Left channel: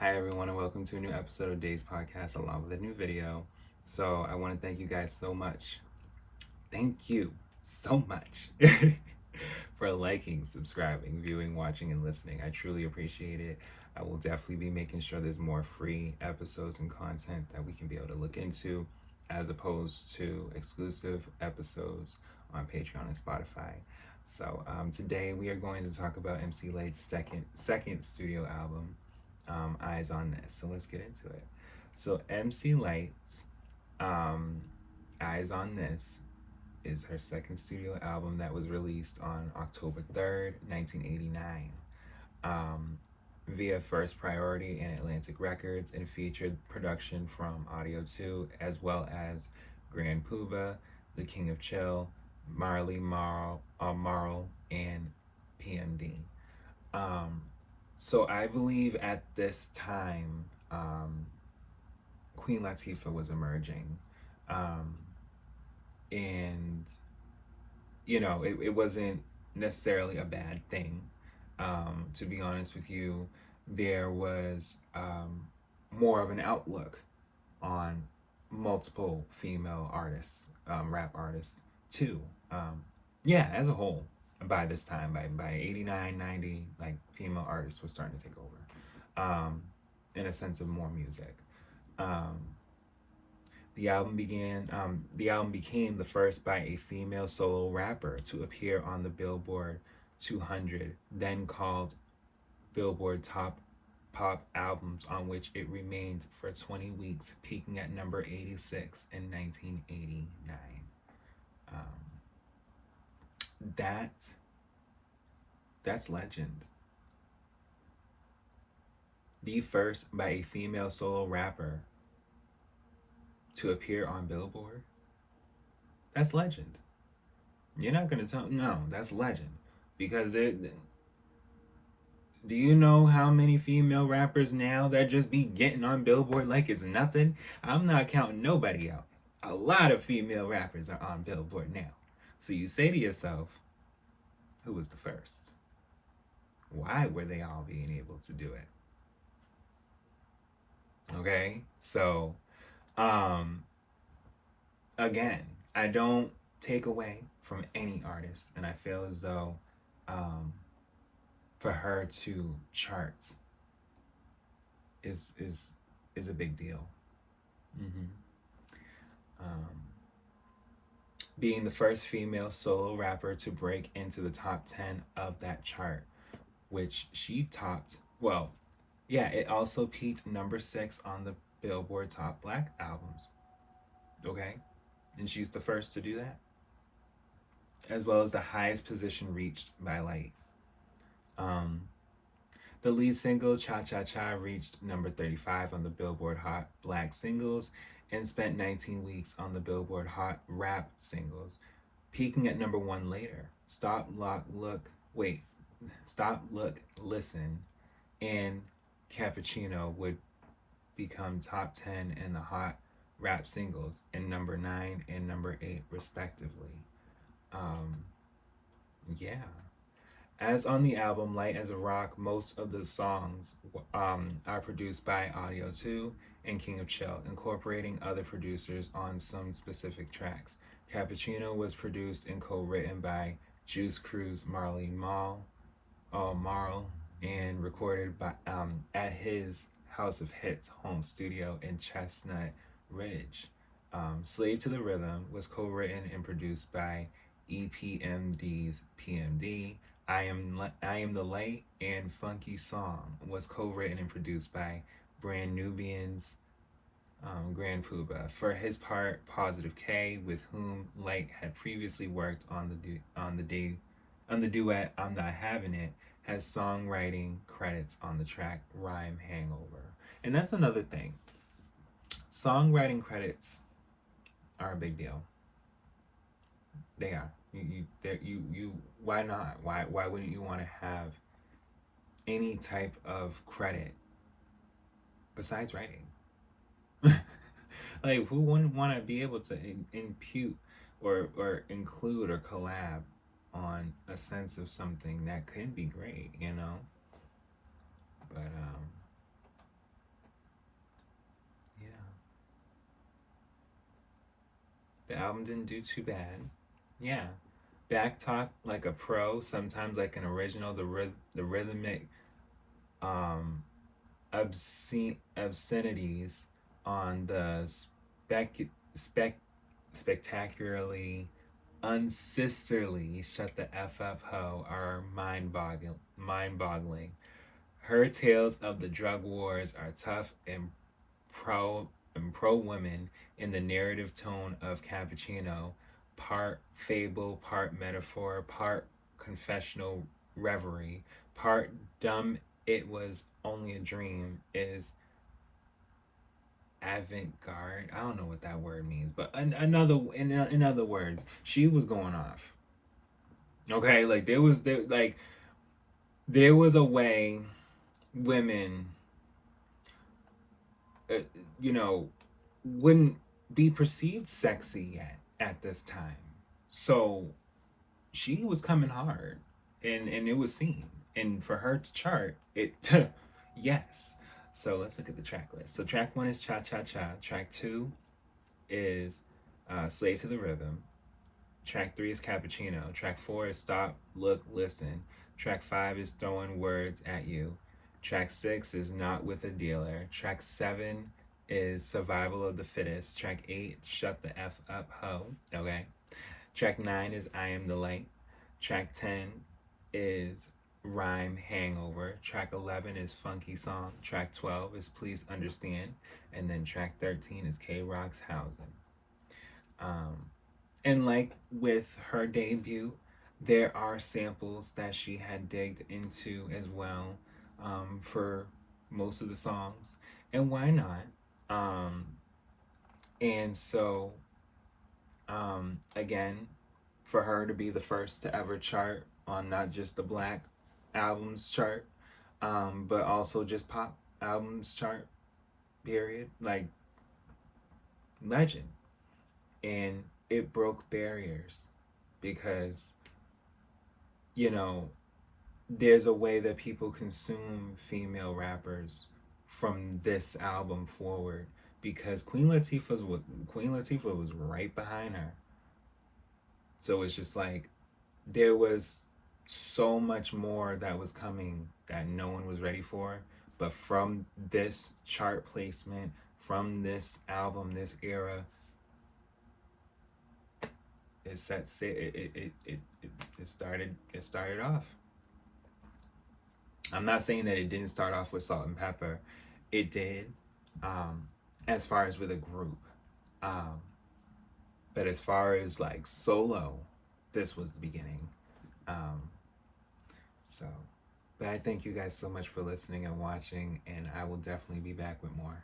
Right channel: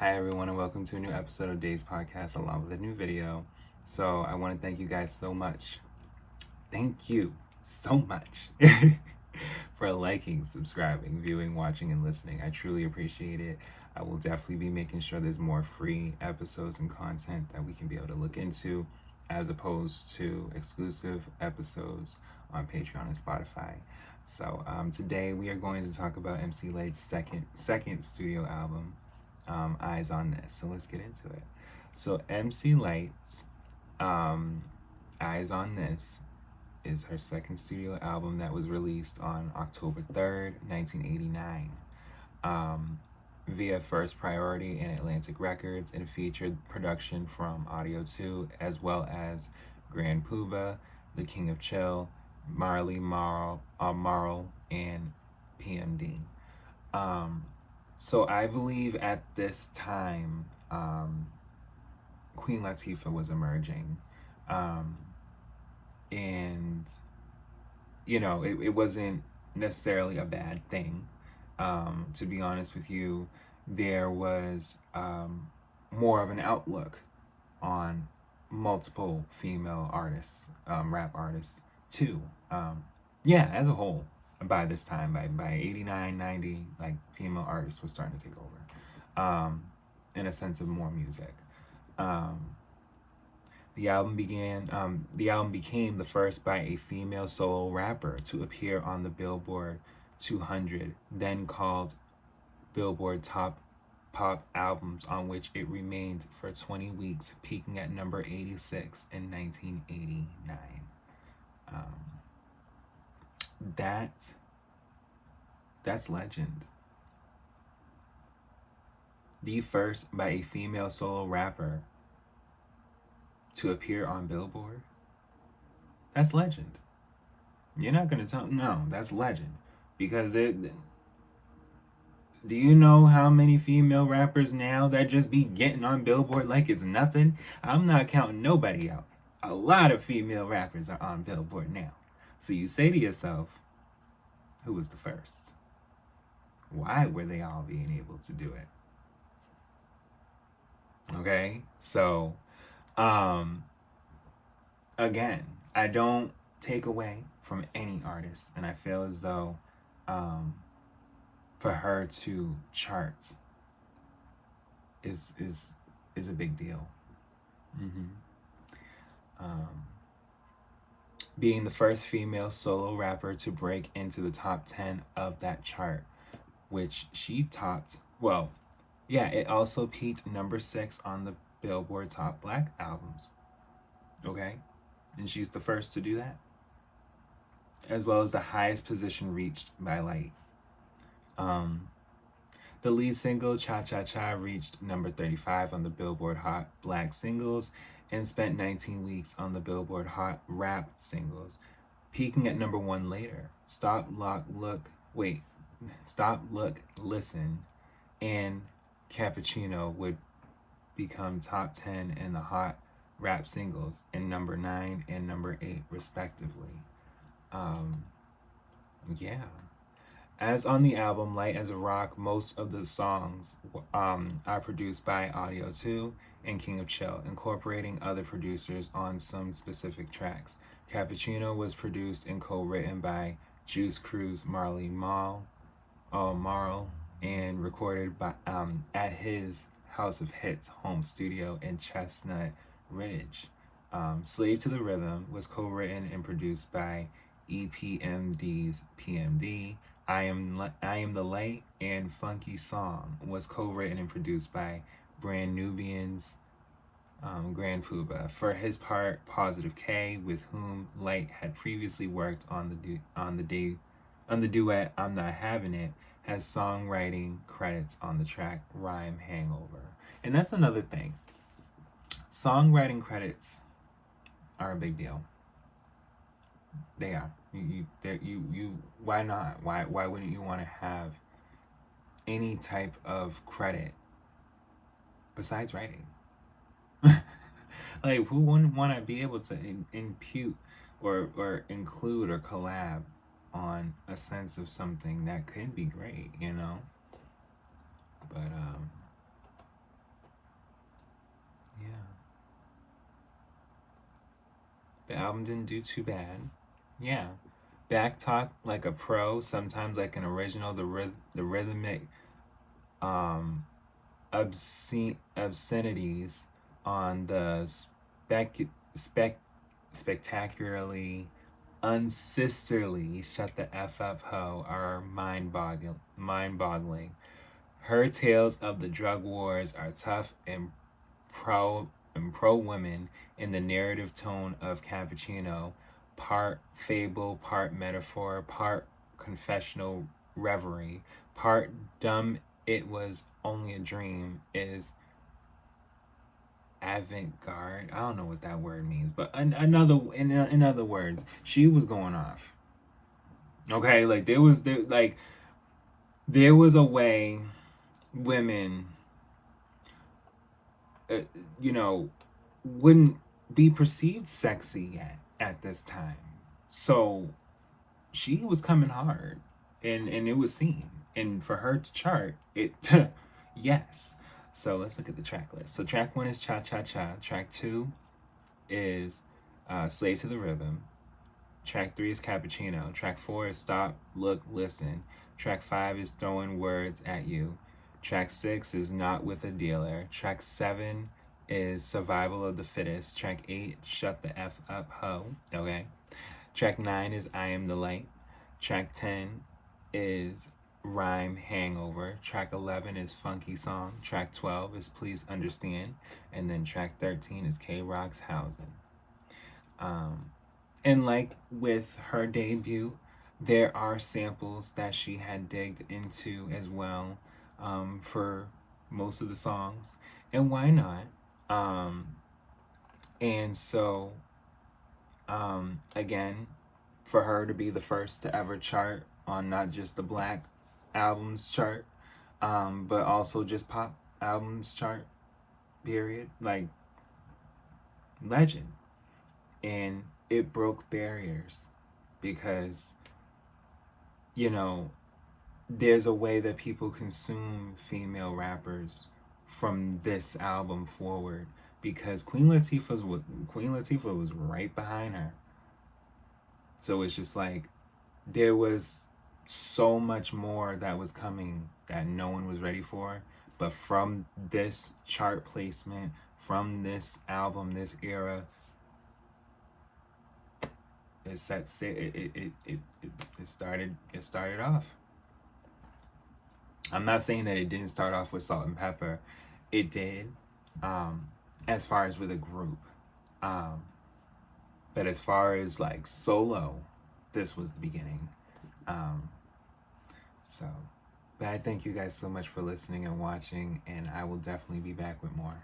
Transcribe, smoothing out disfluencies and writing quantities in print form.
Hi everyone and welcome to a new episode of Day's Podcast along with a new video. So I want to thank you guys so much. Thank you so much for liking, subscribing, viewing, watching, and listening. I truly appreciate it. I will definitely be making sure there's more free episodes and content that we can be able to look into as opposed to exclusive episodes on Patreon and Spotify. So today we are going to talk about MC Lyte's second studio album, Eyes on This. So let's get into it. So MC Lyte's Eyes on This is her second studio album that was released on October 3rd, 1989, via First Priority and Atlantic Records, and featured production from Audio 2 as well as Grand Puba, The King of Chill, Marley Marl, and PMD. So I believe at this time, Queen Latifah was emerging. And, you know, it wasn't necessarily a bad thing. To be honest with you, there was more of an outlook on multiple female artists, rap artists, too. As a whole. By this time, by 89, 90, like, female artists were starting to take over, in a sense of more music. The album became the first by a female solo rapper to appear on the Billboard 200, then called Billboard Top Pop Albums, on which it remained for 20 weeks, peaking at number 86 in 1989. That's legend. The first by a female solo rapper to appear on Billboard. That's legend. You're not gonna tell no, that's legend. Because do you know how many female rappers now that just be getting on Billboard like it's nothing? I'm not counting nobody out. A lot of female rappers are on Billboard now. So you say to yourself, who was the first? Why were they all being able to do it? Okay? So, again, I don't take away from any artist, and I feel as though for her to chart is a big deal. Being the first female solo rapper to break into the top 10 of that chart, which she topped. Well, yeah, it also peaked number 6 on the Billboard Top Black Albums. Okay? And she's the first to do that, as well as the highest position reached by Lyte. The lead single, Cha Cha Cha, reached number 35 on the Billboard Hot Black Singles and spent 19 weeks on the Billboard Hot Rap Singles, peaking at number 1 later. Stop, Look, Listen, and Cappuccino would become top 10 in the Hot Rap Singles, and number 9 and number 8 respectively. As on the album Light as a Rock, most of the songs are produced by Audio 2 and King of Chill, incorporating other producers on some specific tracks. Cappuccino was produced and co-written by Juice Crew's Marley Marl, and recorded by at his House of Hits home studio in Chestnut Ridge. Slave to the Rhythm was co-written and produced by EPMD's PMD. I Am the Light and Funky Song was co-written and produced by Brand Nubian's Grand Puba. For his part, Positive K, with whom Lyte had previously worked on the duet I'm Not Having It, has songwriting credits on the track Rhyme Hangover. And that's another thing. Songwriting credits are a big deal. They are. Why not? Why wouldn't you want to have any type of credit besides writing? Like, who wouldn't want to be able to impute or include or collab on a sense of something that could be great, you know? But album didn't do too bad. Yeah. Back talk like a pro, sometimes like an original. The rhythmic obscenities on the spec spectacularly unsisterly shut the f up ho are mind boggling. Her tales of the drug wars are tough and pro women in the narrative tone of Cappuccino, part fable, part metaphor, part confessional reverie, part dumb it was only a dream is avant-garde. I don't know what that word means, but in other words, she was going off. Okay, like there was a way women, uh, you know, wouldn't be perceived sexy yet at this time. So she was coming hard, and it was seen. And for her to chart it, yes. So let's look at the track list. So track one is Cha Cha Cha. Track two is Slave to the Rhythm. Track three is Cappuccino. Track four is Stop, Look, Listen. Track five is Throwing Words at You. Track six is Not with a Dealer. Track seven is Survival of the Fittest. Track eight, Shut the F Up Ho. Okay. Track nine is I Am the Light. Track 10 is Rhyme Hangover. Track 11 is Funky Song. Track 12 is Please Understand. And then track 13 is K Rock's Housing. And like with her debut, there are samples that she had digged into as well, for most of the songs. And why not? And so, again, for her to be the first to ever chart on not just the Black albums chart, but also just pop albums chart, period, like, legend. And it broke barriers because, you know, there's a way that people consume female rappers from this album forward, because Queen Latifah was right behind her. So it's just like there was so much more that was coming that no one was ready for. But from this chart placement, from this album, this era, it started off. I'm not saying that it didn't start off with Salt and Pepper. It did, as far as with a group. But as far as like solo, this was the beginning. But I thank you guys so much for listening and watching, and I will definitely be back with more.